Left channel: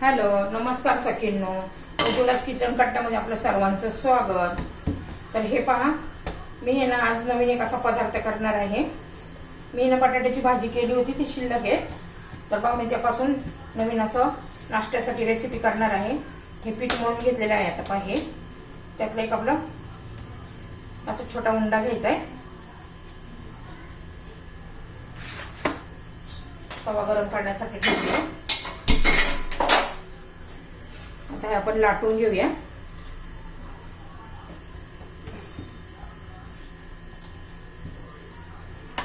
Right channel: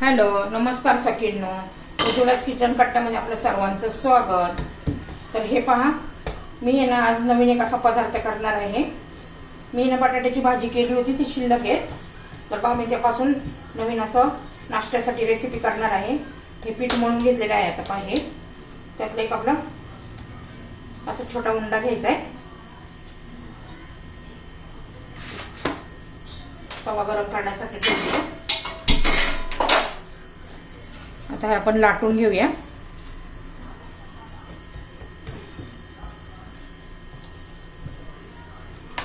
Hello, नमस्कार सखींनो. उज्ज्वलाच kitchen कट्ट्यामध्ये आपलं सर्वांचं स्वागत. तर हे पहा, मी ना आज नवीन एक असा पदार्थ करणार आहे. मी ना बटाट्याची भाजी केली होती, ती शिल्लक आहे. तर पहा, मी त्यापासून नवीन असं नाश्त्यासाठी रेसिपी करणार आहे. हे पीठ मळून घेतलेलं आहे. आता पहा, हे त्यातलं एक आपलं असं छोटा उंडा घ्यायचा आहे. तवा गरम करण्यासाठी ठेवूया. आता हे आपण लाटून घेऊया.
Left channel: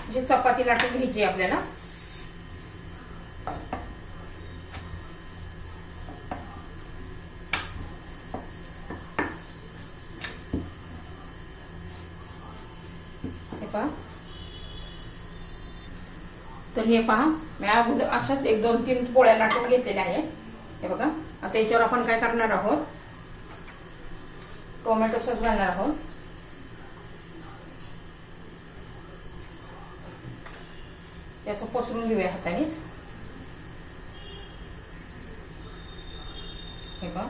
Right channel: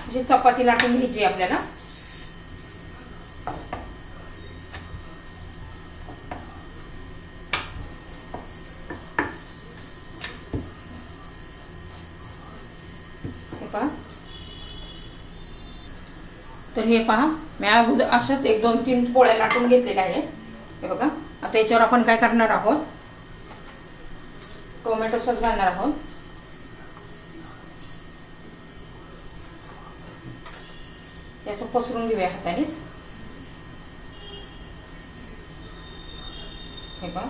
अशी चपाती लाटून घ्यायची आपल्याला. हे पहा, तर हे पहा, मी अगोदर असंच 1-2-3 पोळ्या लाटून घेतलेल्या आहेत. हे बघा. आता याच्यावर आपण काय करणार आहोत, टोमॅटो सॉस घालणार आहोत. असं पसरून घेऊया हातानेच. हे बघा,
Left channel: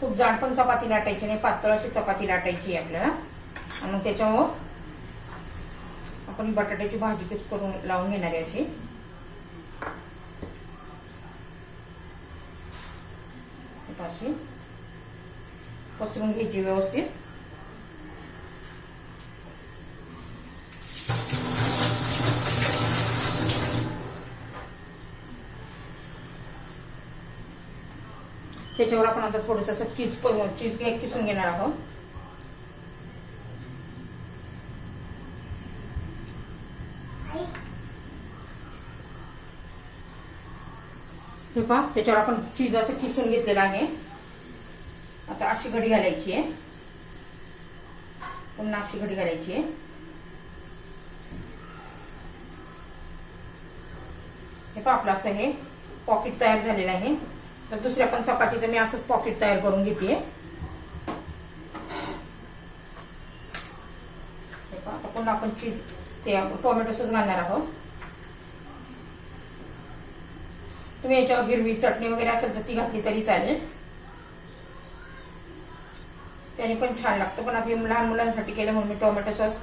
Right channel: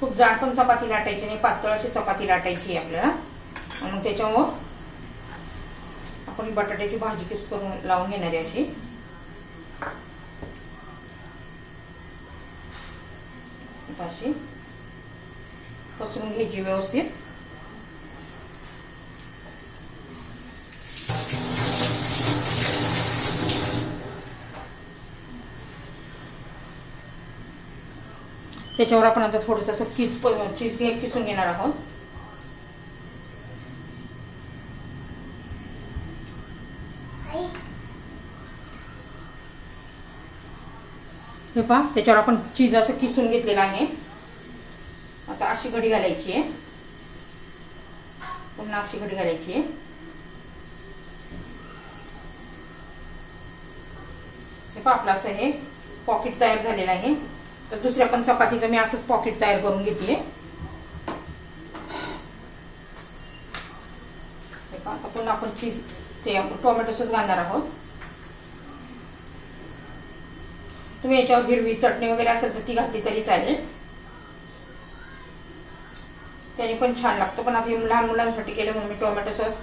खूप जाड पण चपाती लाटायची नाही, पातळ अशी चपाती लाटायची आहे आपल्याला. आणि मग त्याच्यावर आपण बटाट्याची भाजी किस करून लावून घेणार आहे अशी. अशी पसरून घ्यायची व्यवस्थित. त्याच्यावर आपण आता थोडंसं असं चीज किसून घेणार आहोत. हे पहा, त्याच्यावर आपण चीज असं किसून घेतलेलं आहे. आता अशी घडी घालायची आहे, पुन्हा अशी घडी घालायची आहे. हे पहा, आपलं असं हे पॉकेट तयार झालेलं आहे. तर दुसऱ्या पण चपातीचं मी असंच पॉकेट तयार करून घेते. हे पहा, आता पुन्हा आपण चीज ते टोमॅटो सॉस घालणार आहोत. तुम्ही याच्यावर हिरवी चटणी वगैरे असेल तर ती घातली तरी चालेल, त्याने पण छान लागतो. पण आता हे लहान मुलांसाठी केलं म्हणून मी टोमॅटो सॉस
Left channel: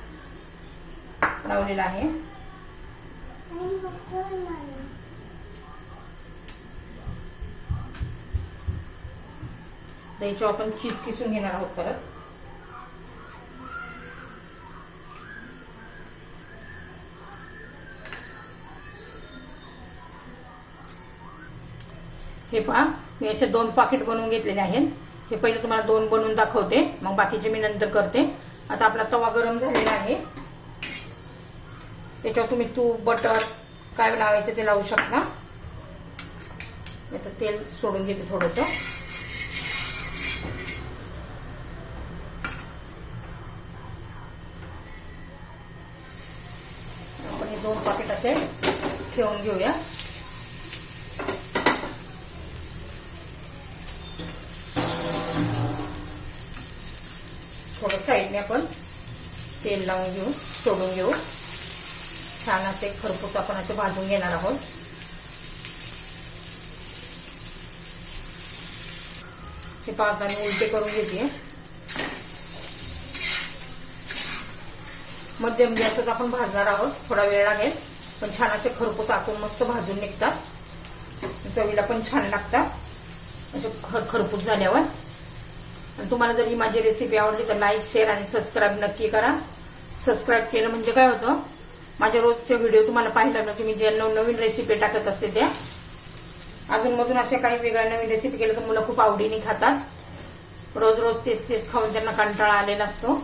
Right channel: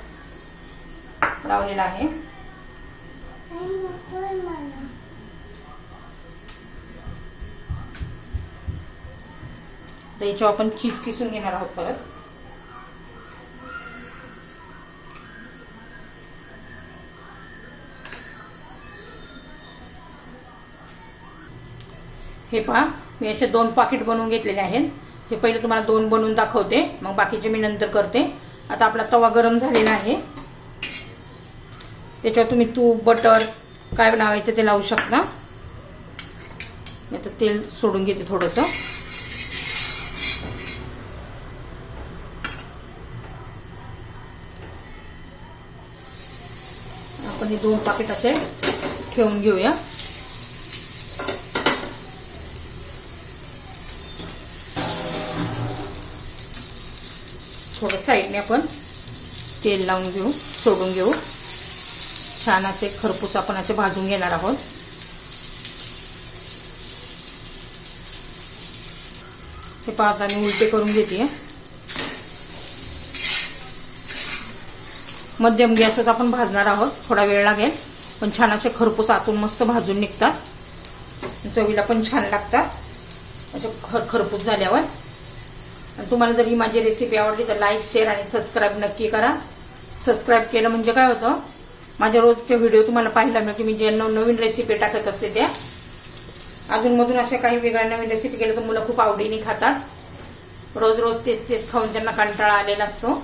लावलेला आहे. तर याच्यावर आपण चीज किसून घेणार आहोत परत. हे पहा, मी असे 2 पाकिट बनवून घेतलेले आहेत. हे पहिले तुम्हाला 2 बनवून दाखवते, मग बाकीचे मी नंतर करते. आता आपला तवा गरम झालेला आहे. त्याच्यावर तुम्ही तूप, बटर काय लावायचं ते लावू शकता. आता तेल सोडून घेते थोडंसं. आपण हे 2 पाकिट असे ठेवून घेऊया. थोडं साईडने आपण तेल लावून घेऊ, सोडून घेऊ. छान असे खरपूस आपण असे भाजून घेणार आहोत. हे पाहताना उलटे करून घेते. मध्यम गॅसवर आपण भाजणार आहोत. थोडा वेळ लागेल, पण छान असे खरपूस आतून मस्त भाजून निघतात. चवीला पण छान लागतात असे खरपूस झाल्यावर. आणि तुम्हाला जर ही माझी रेसिपी आवडली तर लाईक, शेअर आणि सबस्क्राईब नक्की करा. सबस्क्राईब केलं म्हणजे काय होतं, माझ्या रोजचे व्हिडिओ तुम्हाला पाहायला मिळेल की मी जे नवीन रेसिपी टाकत असते त्या. अजूनमधून अशा काही वेगळ्या नवीन रेसिपी केल्या तर मुलं खूप आवडीने खातात. रोज रोज तेच तेच खाऊन त्यांना कंटाळा आलेला असतो.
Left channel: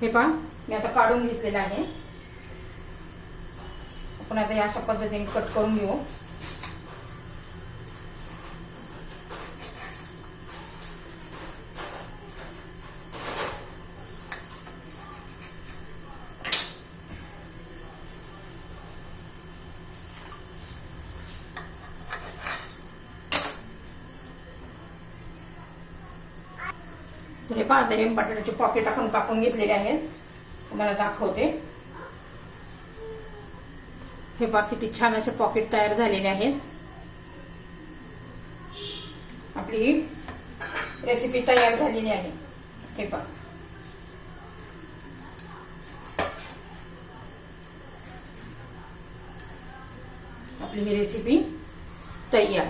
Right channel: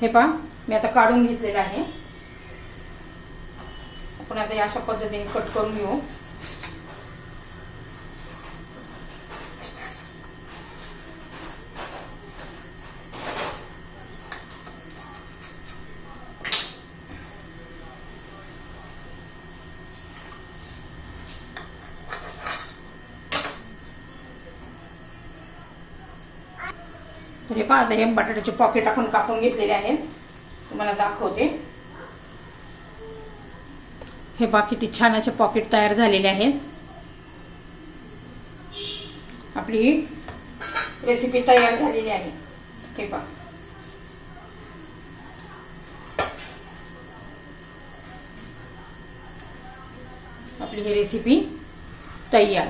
हे पहा मी आता काढून घेतलेलं आहे. आपण आता अशा पद्धतीने कट करून घेऊ. तर हे पहा, हे बटाट्याचे पॉकेट आपण कापून घेतलेले आहे. तुम्हाला दाखवते. हे पहा किती छान असे पॉकेट तयार झालेले आहेत. आपली रेसिपी तयार झालेली आहे. हे पहा, आपली ही रेसिपी तयार.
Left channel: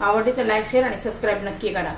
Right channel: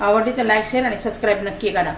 आवडली तर लाईक, शेअर आणि सबस्क्राईब नक्की करा.